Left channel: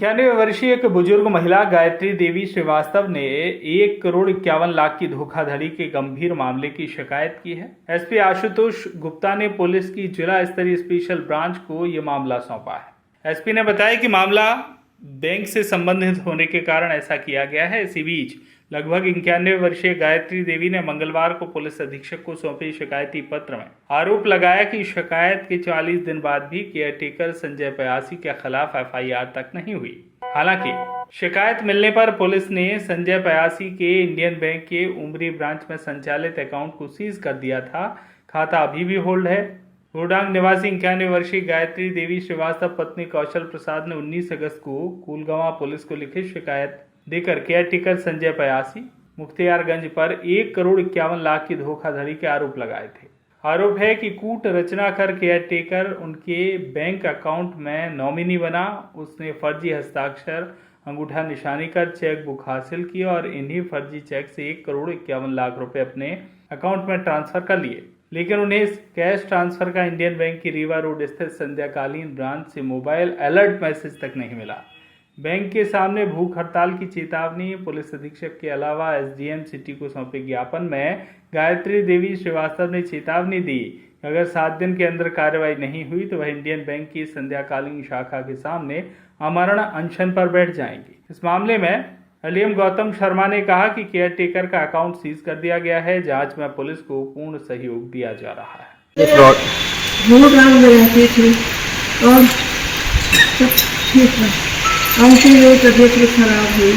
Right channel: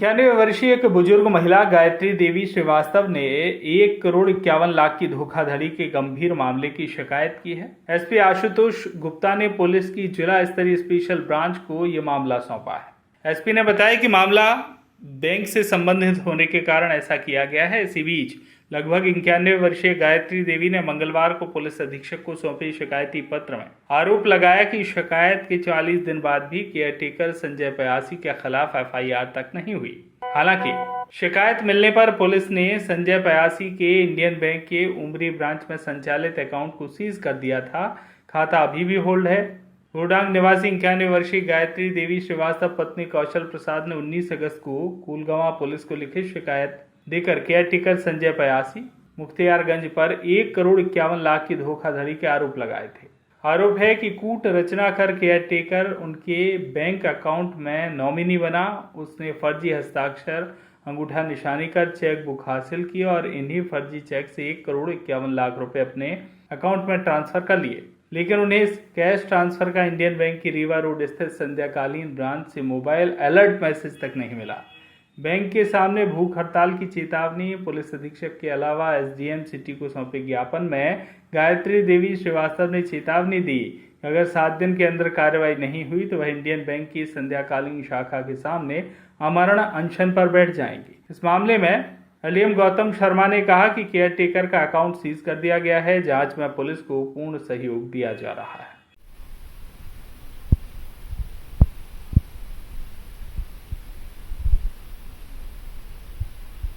91 वर्षीय एक बुजुर्ग महिला गायत्री देवी श्रीवास्तव ने 1,51,00,000 की धोखाधड़ी के गंभीर मामले की शिकायत की है। एसपी आशुतोष गुप्ता ने पुलिस की जिला स्तरीय स्पेशल ब्रांच को यह मामला सौंपा है। एसपी ने बताया कि मामला बैंक से संबंधित होने के कारण ऐसा किया गया है। इसी बीच लगभग 91 वर्षीय गायत्री देवी ने मंगलवार को पुलिस अधीक्षक को सौंपे शिकायती पत्र में आरोप लगाया कि शिकायत के 40 दिन बाद भी केयरटेकर संजय पयासी के खिलाफ एफआईआर तक नहीं हुई। हालांकि शिकायत मिलने पर पुलिस ने संजय पयासी के इंडियन बैंक के उमरी ब्रांच में संचालित अकाउंट को सीज कर दिया था। खाता अभी भी होल्ड है। रोडांग निवासी 91 वर्षीय गायत्री देवी श्रीवास्तव पत्नी कौशल प्रसाद ने 19 अगस्त को कुलगांव पुलिस को लिखित शिकायत देकर केयरटेकर संजय पयासी मुख्तियारगंज पर 1,51,00,000 की धोखाधड़ी के आरोप लगाए थे। आरोप है कि कूट रचना कर केयरटेकर उनके बैंक अकाउंट में नॉमिनी बना। उसने फर्जी हस्ताक्षर अंगूठा निशानी कर चेक बुक हासिल की और इन्हीं फर्जी चेक से 1,51,00,000 रुपए अपने अकाउंट में ट्रांसफर कर लिए, लेकिन उन्हें इस कैश ट्रांसफर का इंडियन बैंक की रीवा रोड स्थित संध्याकालीन ब्रांच से मोबाइल अलर्ट मैसेज तक नहीं मिला। बैंक के सामने भूख हड़ताल की चेतावनी। पुलिस अधीक्षक के अलावा एसडीएम सिटी को सौंपे ज्ञापन में गायत्री देवी श्रीवास्तव ने चेतावनी दी कि अगर 7 दिन के अंदर कार्रवाई नहीं हुई तो वह इंडियन बैंक की संध्याकालीन शाखा के सामने आमरण अनशन पर बैठ जाएंगी। इस मामले में एलएम गौतम शर्मा ने कहा कि केयरटेकर का अकाउंट सीज कर दिया गया है। जांच में पुलिस को पूर्ण सहयोग दिया जा रहा है। ऐसी मेरी तबीयत भी खराब हुई।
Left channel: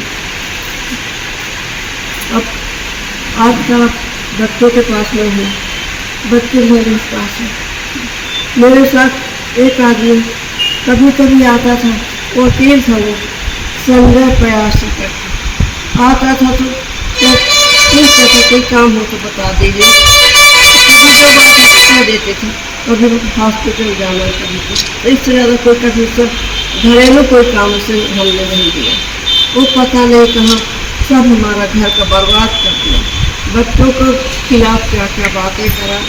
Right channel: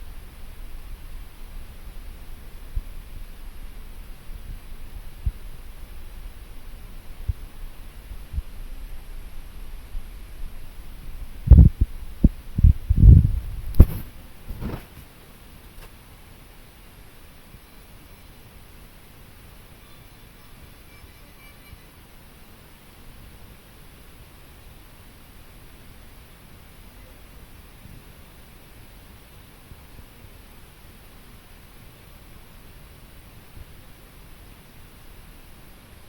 अब आज का बच्चों के पास में हूँ, बच्चे मेरे पास है। मेरे साथ एक आदमी कभी कभी आता था, वकील था, वो संजय पयासी करके आता था तो ठीक था, कोई काम हो तो बता दीजिए। कभी जो बात कह देते थे, कभी हॉस्पिटल जाना, कभी इससे ज़्यादा कोई कभी घरेलू कोई काम से हमने नहीं दिया। वो पता नहीं कहाँ सब हमारा घर का बर्बाद कर दिया। बच्चों के खिलाफ क्या क्या बातें करा,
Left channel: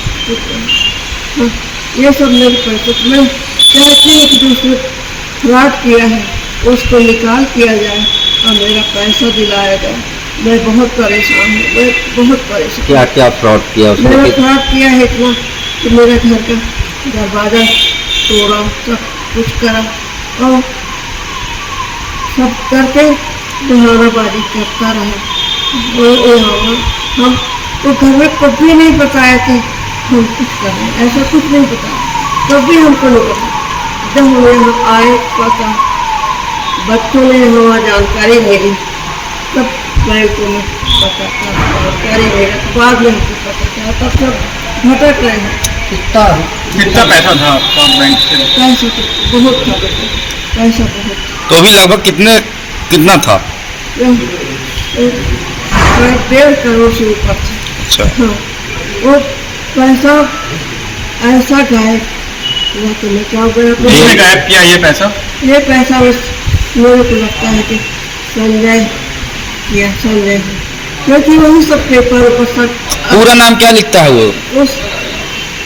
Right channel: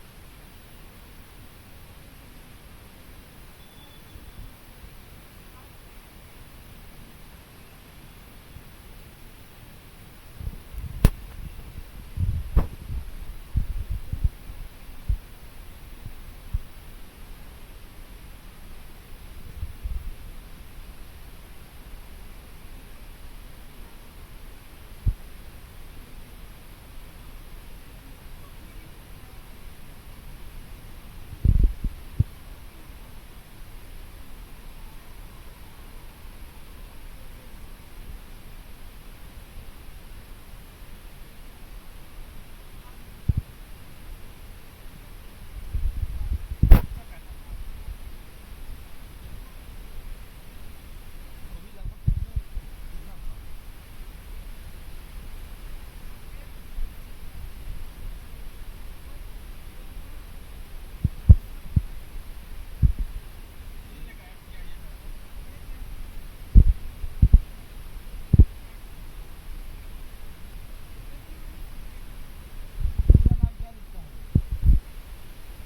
ये सब मेरे पैसे मैं चाहती हूँ कि दूसरे फ्रॉड किया है उसको निकाल किया जाए और मेरा पैसा दिलाया जाए। मैं बहुत परेशान हूँ, मैं बहुत परेशान। क्या क्या फ्रॉड किया उसने? मैंने फ्रॉड किया है इतना कि मेरे घर का दरवाज़ा तोड़ा, सब कुछ करा और सब करके बहानाबाजी करता रहा। हम तो घर में कुछ भी नहीं बताए थे हम कुछ कर रहे हैं, ऐसा कुछ नहीं बताया, कभी हमको नहीं पता। जब हम यहाँ आए पता, बच्चों ने हमारा जानकारी मिली, तब बैंकों में पता जानकारी मिला, बाद में हमको पता चला, तब सब भटक रहे हैं। कितना पैसा था आपका बैंक से? पैसा तो बहुत था, पैसा बहुत। तो अभी लगभग कितना था? 1.5 करोड़ से ऊपर था। अच्छा। हाँ, वो पैसा ऐसा गायब हुआ तो मैं क्या गया। किसने गायब किया ये पैसा? ये पैसा मेरे को लगता है कि संजय किया, संजय, क्योंकि वही सब पेपर ऊपर सब। पूरा नाम क्या लिखता है वो?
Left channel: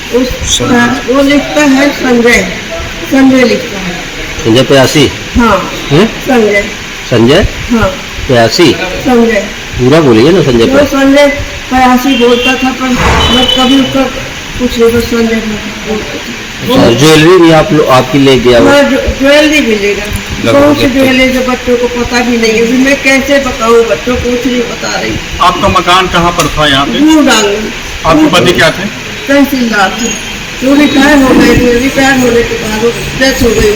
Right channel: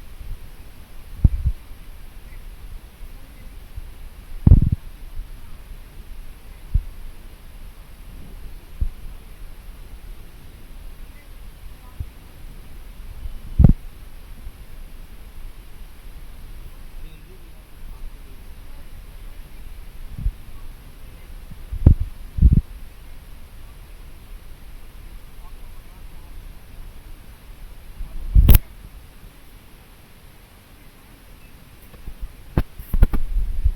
वो लिखता है संजय, संजय लिखता है। संजय पयासी? हाँ संजय। संजय हाँ पयासी? संजय पूरा बोलिए ना। संजय वो संजय पयासी बोलता था, पर मैं कभी उसका कुछ नहीं, बस संजय बोलता था। ज्वेलरी भी आपकी ले गया? ज्वेलरी भी ले गया, कौन सी ज्वेलरी जो बच्चों को पता भी नहीं है। मैं कैसे बताऊँ, बच्चों को कुछ नहीं बता रही। आपका मकान कहाँ पर था यहाँ पे? रोडांग। आपके पति क्या थे? तहसीलदार थे, वो रिटायर हो गए थे। रिटायर होने के बाद वो डेथ हो गई।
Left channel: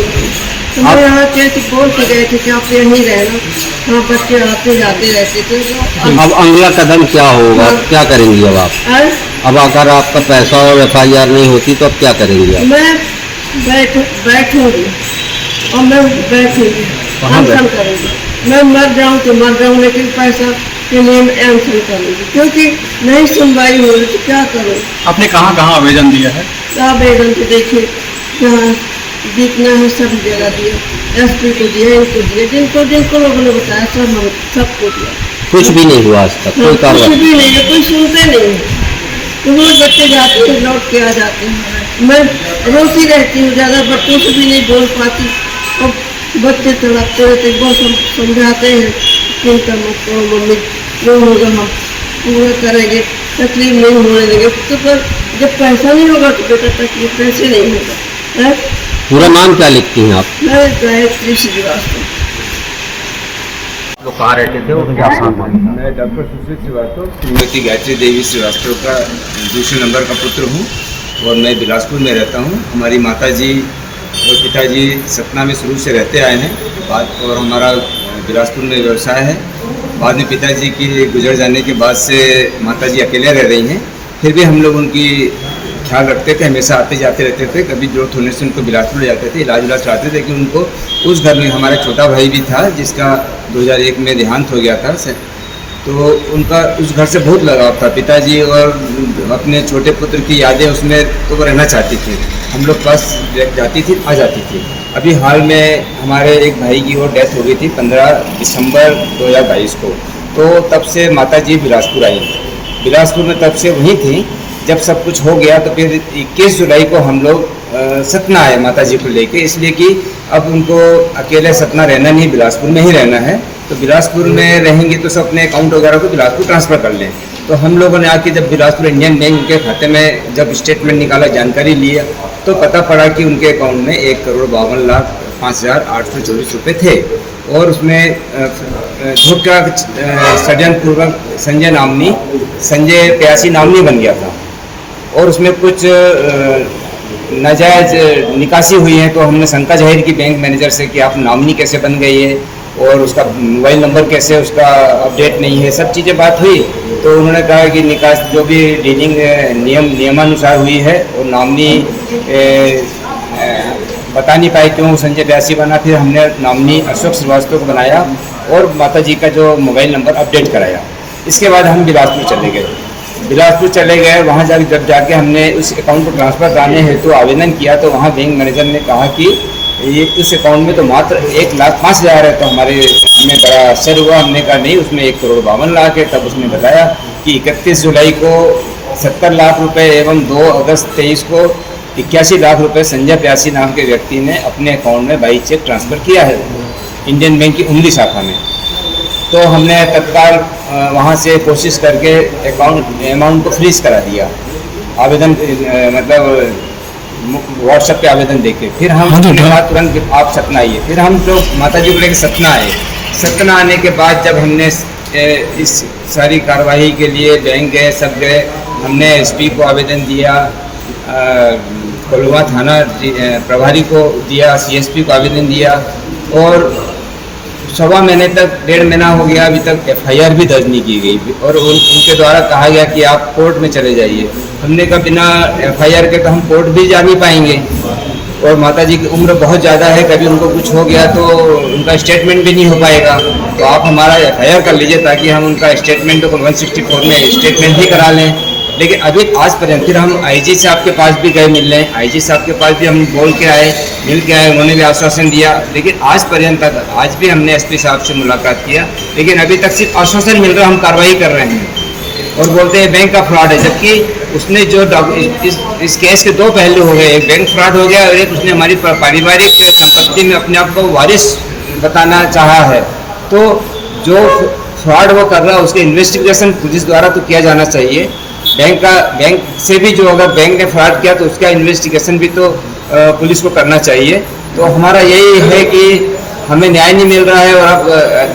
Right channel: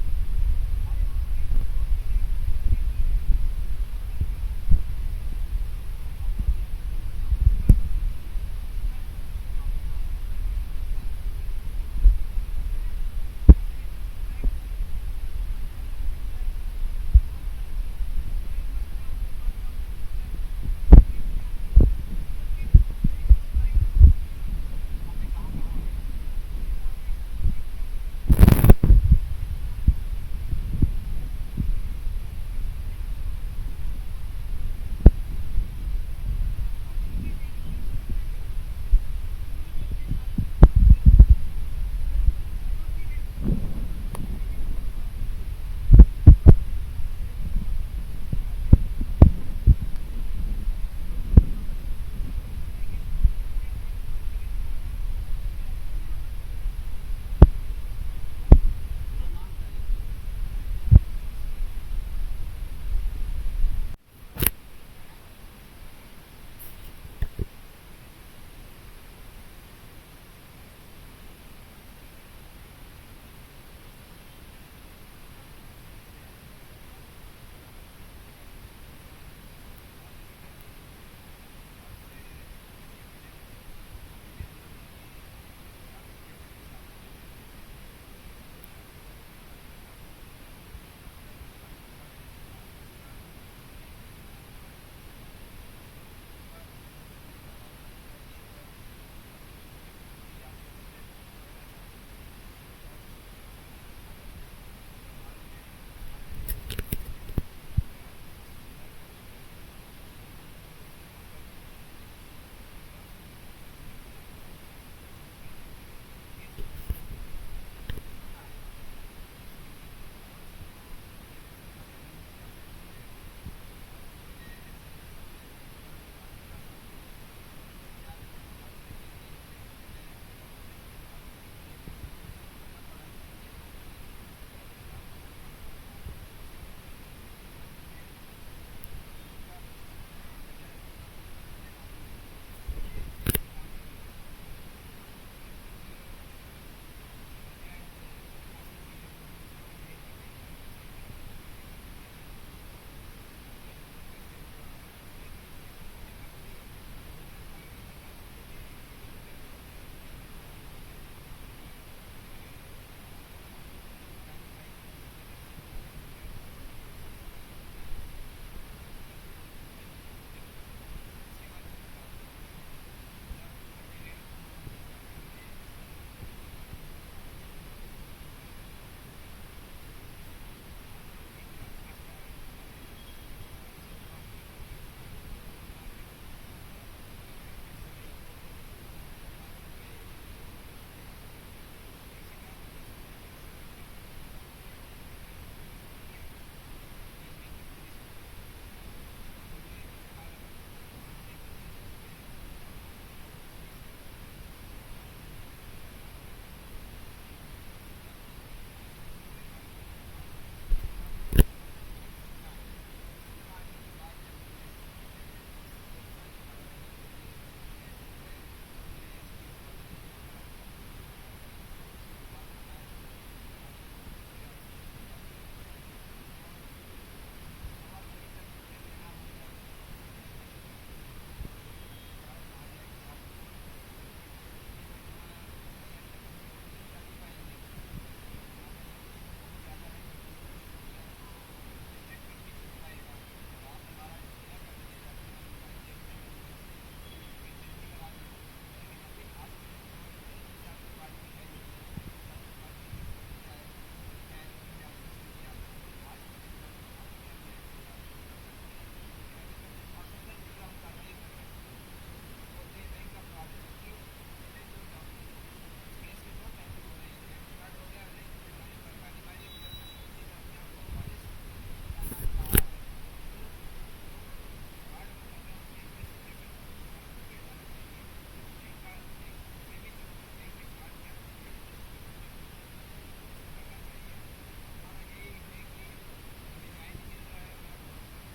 तो मैं यहाँ के बोल के गए थे कि आप यहीं रहना, हाँ बच्चे आते जाते रहते थे। तो अब अगला कदम क्या होगा? क्या करेंगी अब आप? अब अगर आपका पैसा और एफआईआर नहीं होती तो अब क्या करेंगी आप? मैं बैठूंगी और मैं बैठूंगी, अनशन करूँगी। मैं मर जाऊँ तो मर जाऊँ, लेकिन पैसा के लिए मैं अनशन करूँगी, क्योंकि नहीं सुनवाई हो रही तो क्या करूँ। आपने कहाँ कहाँ आवेदन दिया है? आवेदन तो देखिए जहाँ दिखना है सब जगह दिया, एसपी को दिया, इनको दिया, जिनको लोगों ने बताया सबको दिया। कुछ भी नहीं हुआ आज तक? कोई कार्रवाई? कुछ भी नहीं है, कोई सुनते नहीं है। तो रोज बच्चे जाते हैं, लौट के आ जाते हैं। मैं रोती रहती हूँ, ज़्यादा बच्चों से भी नहीं बोल पाती और बच्चे तड़पते रहते, बहुत समझाते हैं चिंता मत करो मम्मी, जो होगा हम पूरा करेंगे, तकलीफ नहीं होने देंगे। तो पर जब पैसा नहीं होगा तो बेटा तकलीफ कैसे नहीं होगा है? पूरा नाम क्या लिखती हैं आप? मैं गायत्री श्रीवास्तव। लोग कहाँ रहते थे और क्या सामान? मैं डॉक्टर सुशील श्रीवास्तव, श्रीमती गायत्री देवी श्रीवास्तव का दूसरे नंबर का पुत्र हूँ और मैं बिलासपुर में रहता हूँ। हमारी माताजी और पिताजी सतना में शुरू से रहते आए हैं और हमारा बिलासपुर में व्यवसाय है। बाद में पिताजी की गुजर जाने के बाद से माताजी अकेले रह रही हैं, फिर भी हम लोग उनकी ख्याल रखते थे, हमेशा आते जाते रहते थे। कभी जरूरत होने से उनको बिलासपुर ले जाते थे, इलाज कराते थे कि उनको उस घर में हमारा छोटा भाई भी था जिसका 2001 में देहांत हो गया था, तो उनका उस घर से बहुत लगाव था। पिताजी और अपने छोटे पुत्र की यादें उसमें तो वो रहना चाहती थी, हम लोग पास जाती थी, आ जाती थी। अभी हाल में हमारे एक भाई की और डेथ हो गई थी 15 दिसंबर 2022 को, तो तब से माताजी बिलासपुर आई। बिलासपुर में तब से वहीं थी। जब सब कुछ हो गया तो फिर 21 जुलाई को हम लोग सतना आए माताजी को लेके, इसलिए कि अब उनको अकेले सतना रहना नहीं, बिलासपुर में ही रहना है। तो बिलासपुर में रहेंगे तो सब अपने अकाउंट वगैरह को बिलासपुर ट्रांसफ़र कर लें। तो हम लोगों ने आके जब बिलासपुर इंडियन बैंक के खाते में जब स्टेटमेंट निकाला, जानकारी लिया, तो पता पड़ा कि उनके अकाउंट में 1,52,05,824 रुपये थे और उसमें धोखा षड्यंत्रपूर्वक संजय प्यासी नामनी बन गया था और उसमें कुछ नाजायज निकासी हुई है। तो हमने शंका जाहिर की बैंक मैनेजर से कि आप नामनी कैसे बन गई है और उसका मोबाइल नंबर कैसे उसका अपडेट नहीं है, सब चीज़ें बात हुई। तो उन्होंने कहा कि निकास जो भी डीलिंग नियमानुसार हुई है और नामनी बता नहीं पाए क्यों संजय प्यासी बना। फिर हमने नामनी अशोक श्रीवास्तव को बनाया और माताजी का जो मोबाइल नंबर अपडेट कराया। इसके बाद हम बिलासपुर चले गए। वहाँ जब जाके हमने उस अकाउंट को ट्रांसफ़र कराने हेतु आवेदन किया तो वहाँ बैंक मैनेजर ने कहा कि ये उस अकाउंट में तो मात्र 1,05,000 है। तो हमें बड़ा आश्चर्य हुआ। हमने कहा नहीं, उसमें 1,52,00,000 है। तब उसने बताया कि 31 जुलाई को 70 लाख रुपए एवं 2 अगस्त 23 को 81 लाख रुपए संजय प्यासी नाम के व्यक्ति ने अपने अकाउंट में बाई चेक ट्रांसफ़र किया है इंडियन बैंक की उमली शाखा में। तो हमने तत्काल वहाँ से कोशिश करके अमाउंट को फ्रीज करा दिया, आवेदन मतलब व्हाट्सएप पे आवेदन देके। फिर हम तुरंत आप सतना आइए। फिर हम जो माताजी को लेकर सतना आए। सतना आने के बाद जब हमने इस सारी कार्रवाई के लिए बैंक गए, सब गए, हमने एसपी को आवेदन दिया, कोल्हुआ थाना प्रभारी को दिया, सीएसपी को आवेदन दिया और 1.25 महीने तक, 1.5 महीना हो गया, अभी तक एफआईआर भी दर्ज नहीं की गई और उनके द्वारा कहा गया कि आप कोर्ट में चले जाइए। हमने कहा बिना एफआईआर के तो हम कोर्ट भी जा नहीं पाएंगे और माताजी की उम्र बहुत ज़्यादा है, कभी उनको कुछ हो गया तो उनका स्टेटमेंट भी नहीं हो पाएगा। तो आप हमारा एफआईआर कर लीजिए ताकि हम उनका स्टेटमेंट को 164 में स्टेटमेंट ही करा लें। लेकिन अभी आज पर्यंत फिर हम आईजी साहब के पास भी गए मिलने, आईजी साहब के पास भी हम मिल के आए, उन्होंने भी आश्वासन दिया। लेकिन आज पर्यंत तक, आज भी हमने एसपी साहब से मुलाकात किया, लेकिन अभी तक सिर्फ आश्वासन मिल रहा है, हम कार्रवाई कर रहे हैं और बोलते हैं बैंक का फ्रॉड है। जबकि उसने जो इस केस के 2 पहलू हो गए, एक बैंक फ्रॉड हो गया और एक उसने हमारी पारिवारिक संपत्ति में अपने आप को वारिस बताना चाहा है। तो जो फ्रॉड वो कर रहा है उसके इन्वेस्टिगेशन पुलिस द्वारा तो किया जाना चाहिए। बैंक से भी जो अगर बैंक ने फ्रॉड किया तो उसका इन्वेस्टिगेशन भी तो पुलिस को करना चाहिए। तो हमारा यही है कि हमें न्याय नहीं मिल रहा है और अब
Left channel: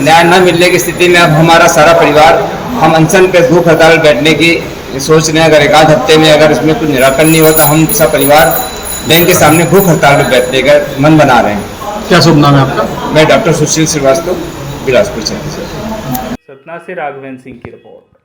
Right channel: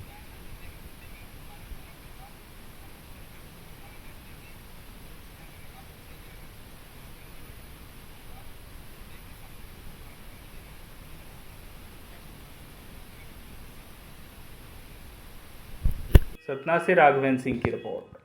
न्याय न मिलने की स्थिति में अब हमारा सारा परिवार हम अनशन पे भूख हड़ताल बैठने की सोच रहे हैं। अगर 1 हफ्ते में अगर इसमें कुछ निराकरण नहीं होता हम सब परिवार बैंक के सामने भूख हड़ताल पर बैठने का मन बना रहे हैं। क्या शुभ नाम है आपका? मैं डॉक्टर सुशील श्रीवास्तव, बिलासपुर से। सतना से राघवेंद्र सिंह की रिपोर्ट।